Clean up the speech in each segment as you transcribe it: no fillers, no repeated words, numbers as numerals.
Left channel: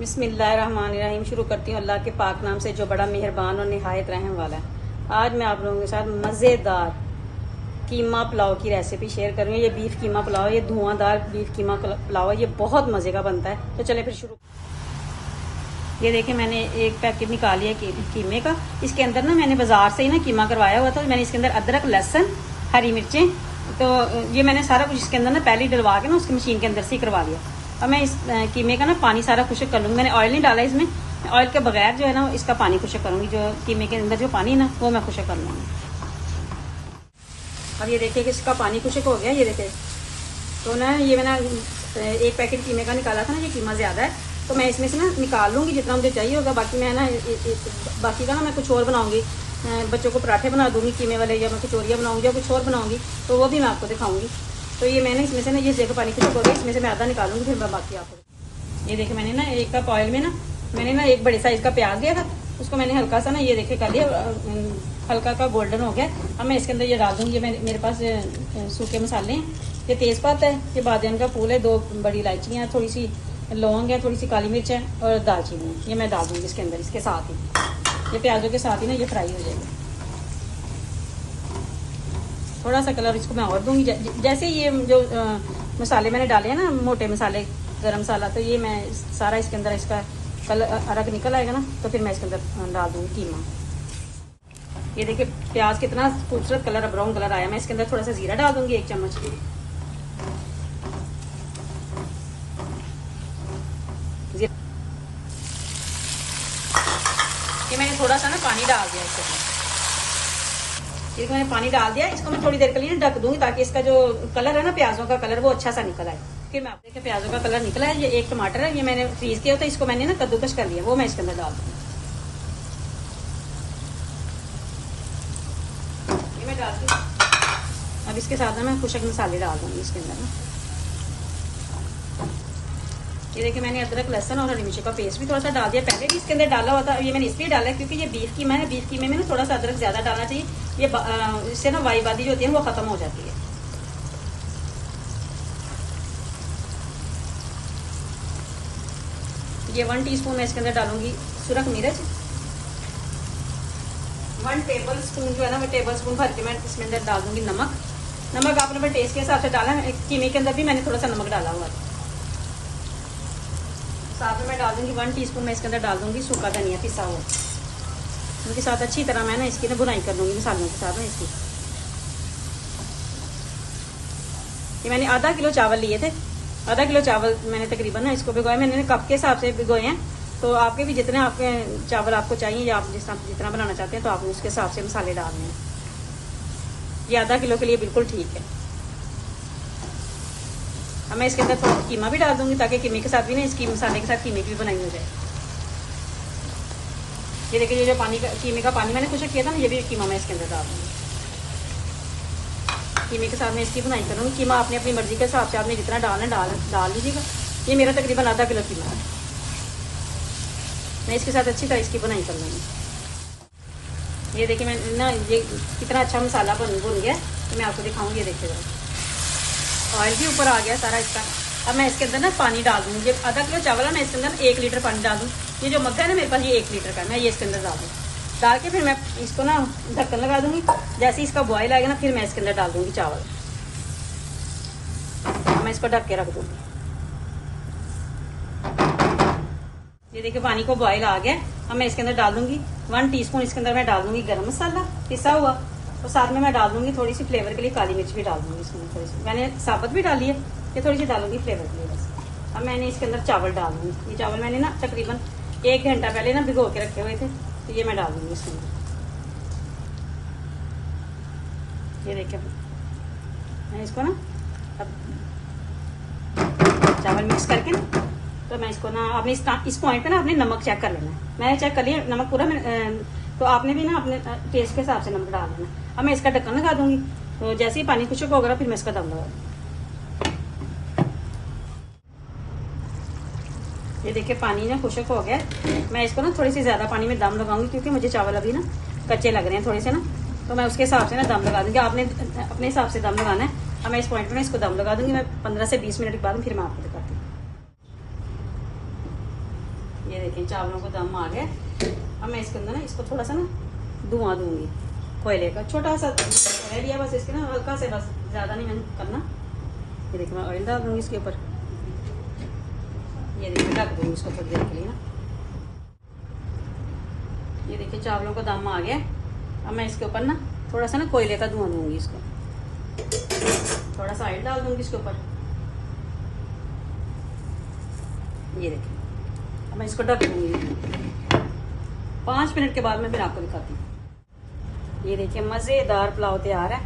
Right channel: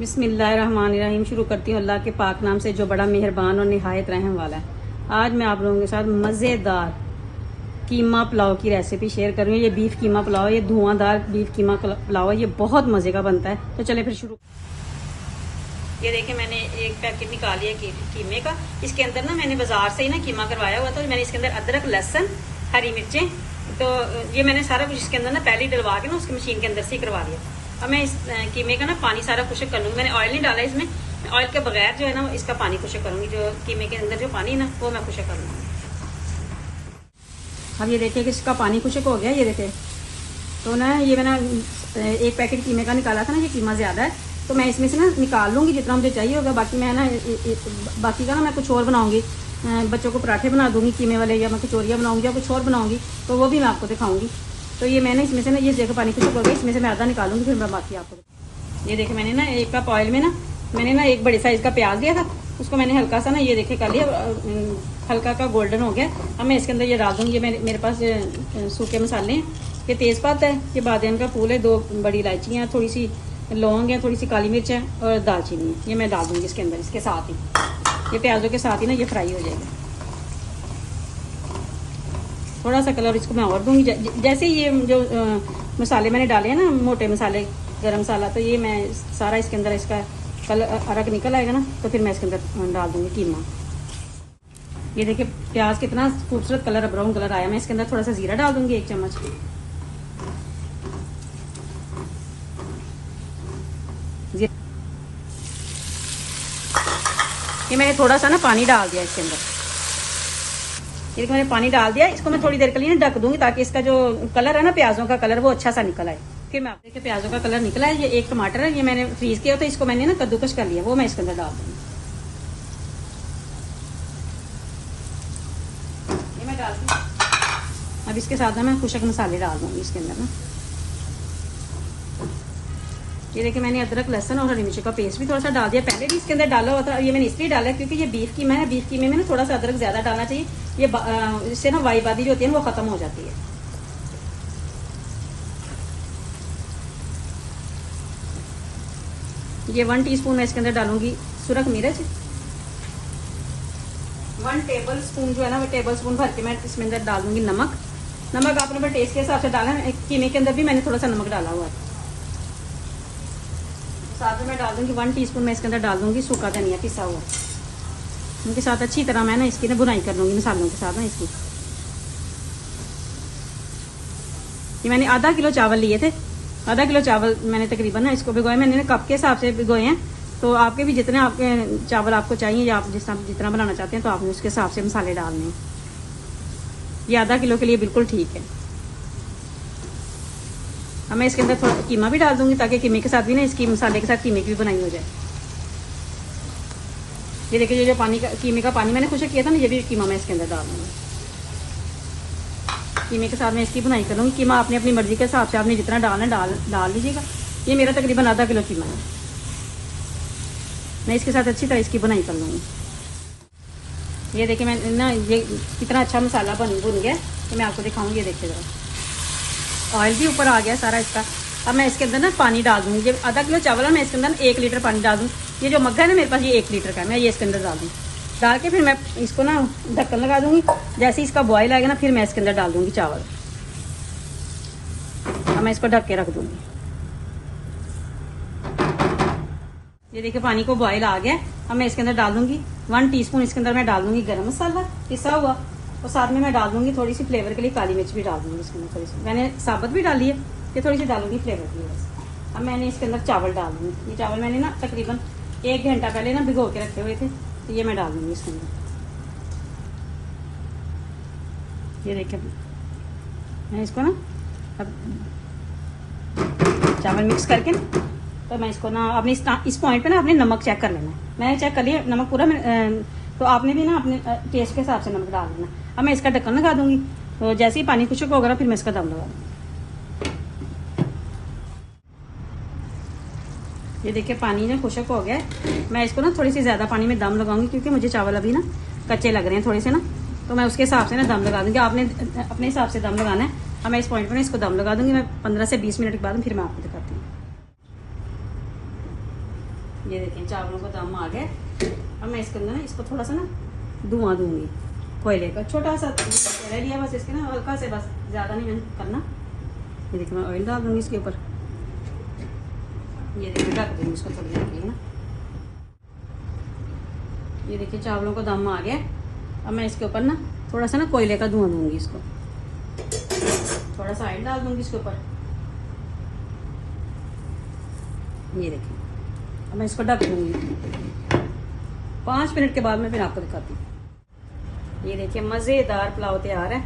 बिस्मिल्लाहिर्रहमानिर्रहीम। शुरू करती हूँ अल्लाह के पाक नाम से जो बड़ा मेहरबान और निहायत रहम वाला है। आज मैं आप लोगों के साथ मज़ेदार कीमा पुलाव की रेसिपी शेयर करूँगी। ये बीफ कीमा पुलाव, ये धुआंधार बीफ कीमा पुलाव, ये बहुत मज़े का बनता है। तो चलिए फिर शुरू। ये देखिए मैंने एक पैकेट निकाल लिया कीमे का। इसके अंदर ना मैंने बाजार से ही ना कीमा करवाया हुआ था। मैंने इसके अंदर अदरक, लहसुन, हरी मिर्चें, तो ये मैंने सारा कुछ इसके अंदर ना पहले ही डलवा के ना उसकी मशीन के अंदर से ही करवा लिया। अब मैं इस कीमे का ना पानी सारा खुशक कर लूँगी। मैंने ऑयल नहीं डाला इसमें, ऑयल के बगैर जो है ना इसका पानी खुशक करूँगी। जो कीमे के अंदर जो पानी है ना वो मैं खुशक कर लूँगी। अब ये देखिए कि इसका पानी खुशक हो गया। ये देखिए तो ना ये मैंने एक पैकेट कीमे का निकाला था ना, ये कीमा ज़्यादा है तो मैं इसमें से ना निकाल लूँगी जितना मुझे चाहिए होगा। बाकी मैं ना बाकी का ना मैं कुछ और बनाऊँगी। बच्चों को पराठे बना दूँगी कीमे वाले, या मैं कचौरियाँ बनाऊँगी या कुछ और बनाऊँगी, तो वो भी मैं आपको दिखाऊँगी। तो ये मैंने इसमें से ना ये देखो पानी खुशक हो गया, इसमें से मैं आधा निकालूंगी फिर मैं बाकी आपको। ये देखिए मैंने ना एक कप ऑयल में ना मैंने ना एक बड़े साइज का प्याज दिया था, उसको मैंने हल्का सा ना ये देखिए कर लिया, हल्का का गोल्डन हो गया। अब मैं इसके अंदर ये डाल दूंगी। मेरे पास सूखे मसाले हैं, ये तेज़पात है, ये बादाम का फूल है, 2 बड़ी इलायचियाँ, थोड़ी सी लौंग है, थोड़ी सी काली मिर्च है और दालचीनी, ये मैं डाल दूंगी इसके अंदर। इसके साथ ही ये प्याजों के साथ ही ना ये फ्राई हो जाएगा। थोड़ा सा कलर इसको मैं और दूंगी। जैसे ये जो मसाले मैंने डाले हैं ना, मोटे मसाले, गरम मसाला, तो ये मैं सारा इसके अंदर इसका कलर अरक निकल आएगा ना, तो फिर मैं इसके अंदर डाल दूंगी कीमा। ये देखिए प्याज कितना खूबसूरत कलर, ब्राउन कलर आया। मैं इसके अंदर थोड़ा सा जीरा डाल दूंगी, 1 चम्मच। ये मैंने थोड़ा सा ना पानी डाल दिया इसके अंदर। इसको मैंने पानी डाल दिया। इसको मैं थोड़ी देर के लिए ढक दूंगी ताकि इसका जो कलर है ना, प्याजों का कलर, वो अच्छा सा निकल आए। फिर मैं देखिए प्याजों का कलर निकला है। ये एक टमाटर है, ये मैंने फ्रीज किया था, इसको मैंने ना कद्दूकस कर लिया, वो मैं इसके अंदर डाल दूंगी। ये मैं डाल दूँ। अब इसके साथ मैं खुशक मसाले डाल दूंगी इसके अंदर। ये देखिए मैंने अदरक, लहसुन और हरी मिर्च का पेस्ट भी थोड़ा सा डाल दिया। पहले भी इसके अंदर डाला हुआ था, ये मैंने इसलिए डाला क्योंकि ये बीफ कीमा है। बीफ कीमे में ना थोड़ा सा अदरक ज्यादा डालना चाहिए। ये इससे ना वाईबादी जो होती है वो खत्म हो जाती है। ये 1 टीस्पून मैं इसके अंदर डालूंगी सुरख मिर्च। 1 टेबल स्पून जो है ना, वो टेबल स्पून भर के मैं इसमें अंदर डालूंगी नमक। नमक आपने अपने टेस्ट के हिसाब से डाला है। कीमे के अंदर भी मैंने थोड़ा सा नमक डाला हुआ है। साथ में मैं डाल दूंगी 1 टीस्पून मैं इसके अंदर डाल दूंगी सूखा धनिया पिसा हुआ। उनके साथ अच्छी तरह मैं ना इसकी ना भुनाई कर दूंगी मसालों के साथ है इसकी। ये मैंने आधा किलो चावल लिए थे। आधा किलो चावल मैंने तकरीबन ना इसको भिगोए। मैंने कप के हिसाब से भिगोए हैं, तो आपके भी जितने आपके चावल आपको चाहिए या आप जितना बनाना चाहते हैं तो आप उसके हिसाब से मसाले डाल दें। ये आधा किलो के लिए बिल्कुल ठीक है। अब मैं इसके अंदर थोड़ा कीमा भी डाल दूंगी ताकि कीमे के साथ भी ना इसकी मसाले के साथ कीमे की भी बनाई हो जाए। ये देखिए जो पानी का कीमे का पानी मैंने खुशक किया था ना, ये भी कीमा मैं इसके अंदर डाल दूंगी। कीमे के साथ मैं इसकी बनाई करूँगी। कीमा अपनी अपनी मर्जी के हिसाब से आपने जितना डालना डाल लीजिएगा। ये मेरा तकरीबन आधा किलो कीमा है। मैं इसके साथ अच्छी तरह इसकी बनाई करूँगी। ये देखिए मैं ना ये कितना अच्छा मसाला भुन गया, तो मैं आपको दिखाऊंगी। ये देखिएगा ऑयल भी ऊपर आ गया सारा इसका। अब मैं इसके अंदर ना पानी डाल दूँगी। आधा किलो चावल है, मैं इसके अंदर 1 लीटर पानी डाल दूँ। ये जो मग्गा है ना मेरे पास, ये 1 लीटर का, मैं ये इसके अंदर डाल दूँ। डाल के फिर मैं इसको ना ढक्कन लगा दूंगी। जैसे इसका बॉयल आएगा ना, फिर मैं इसके अंदर डाल दूंगी चावल। मैं इसको ढक के रख दूंगी। ये देखिए पानी को बॉयल आ गया। अब मैं इसके अंदर डाल दूंगी 1 टीस्पून इसके अंदर मैं डाल दूंगी गरम मसाला पिसा हुआ, और साथ में मैं डाल दूंगी थोड़ी सी फ्लेवर के लिए काली मिर्च भी डाल दूंगी इसके अंदर। थोड़ी सी मैंने साबुत भी डाली है, ये थोड़ी सी डालूंगी फ्लेवर के लिए बस। अब मैंने इसके अंदर चावल डाल दूंगी। ये चावल मैंने ना तकरीबन 1 घंटा पहले ना भिगो के रखे हुए थे, तो ये मैं डाल दूंगी इसके अंदर। ये देखिए मैं इसको ना चावल मिक्स करके ना, तो मैं इसको ना अपने इस पॉइंट पे ना अपने नमक चेक कर लेना है। मैंने चेक कर लिया नमक पूरा, तो आपने भी ना अपने टेस्ट के हिसाब से नमक डाल देना। अब मैं इसका ढक्कन लगा दूंगी। तो जैसे ही पानी खुशक होगा फिर मैं इसका दम लगा दूंगी। ये देखिए पानी ना खुशक हो गया। मैं इसको ना थोड़ी सी ज्यादा पानी में दम लगाऊंगी क्योंकि मुझे चावल अभी ना कच्चे लग रहे हैं थोड़े से ना, तो मैं उसके हिसाब से ना दम लगा दूंगी। आपने अपने हिसाब से दम लगाना है। अब मैं इस पॉइंट पे ना इसको दम लगा दूंगी। मैं 15 से 20 मिनट के बाद फिर मैं आपको दिखाती हूँ। ये देखिए चावलों को दम आ गया। अब मैं इसके अंदर ना इसको थोड़ा सा ना धुआं दूंगी कोयले का, छोटा सा रह लिया बस इसके ना, हल्का से, बस ज्यादा नहीं मैंने करना। ये देखिए मैं ऑयल डाल दूंगी इसके ऊपर। ये देखिए ढक दूंगी इसको थोड़ी देर के लिए। ये देखिए चावलों को दम आ गया। अब मैं इसके ऊपर ना थोड़ा सा ना कोयले का धुआं दूंगी इसको, थोड़ा सा ऑयल डाल दूंगी इसके ऊपर। ये देखिए मैं इसको ढक दूंगी। 5 मिनट के बाद मैं फिर आपको दिखाती हूँ। ये देखिए मजेदार पुलाव तैयार है।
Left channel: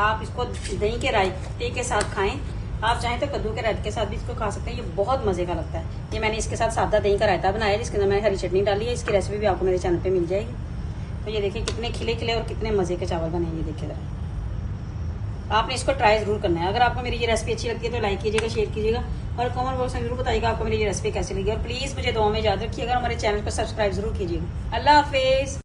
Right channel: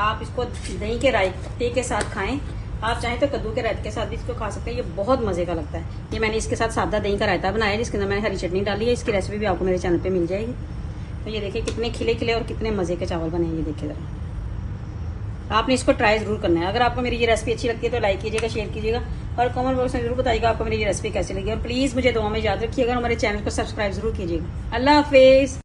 आप इसको दही के रायते के साथ खाएं, आप चाहें तो कद्दू के रायते के साथ भी इसको खा सकते हैं। ये बहुत मजे का लगता है। ये मैंने इसके साथ सादा दही का रायता बनाया है, जिसके अंदर मैंने हरी चटनी डाली है। इसकी रेसिपी भी आपको मेरे चैनल पे मिल जाएगी। तो ये देखिए कितने खिले खिले और कितने मजे के चावल बने। ये देखिए जरा, आपने इसको ट्राई जरूर करना है। अगर आपको मेरी ये रेसिपी अच्छी लगती है तो लाइक कीजिएगा, शेयर कीजिएगा और कमेंट बॉक्स में जरूर बताइएगा आपको मेरी ये रेसिपी कैसी लगी। और प्लीज मुझे दुआ में याद रखिएगा, हमारे चैनल को सब्सक्राइब जरूर कीजिएगा। अल्लाह हाफिज।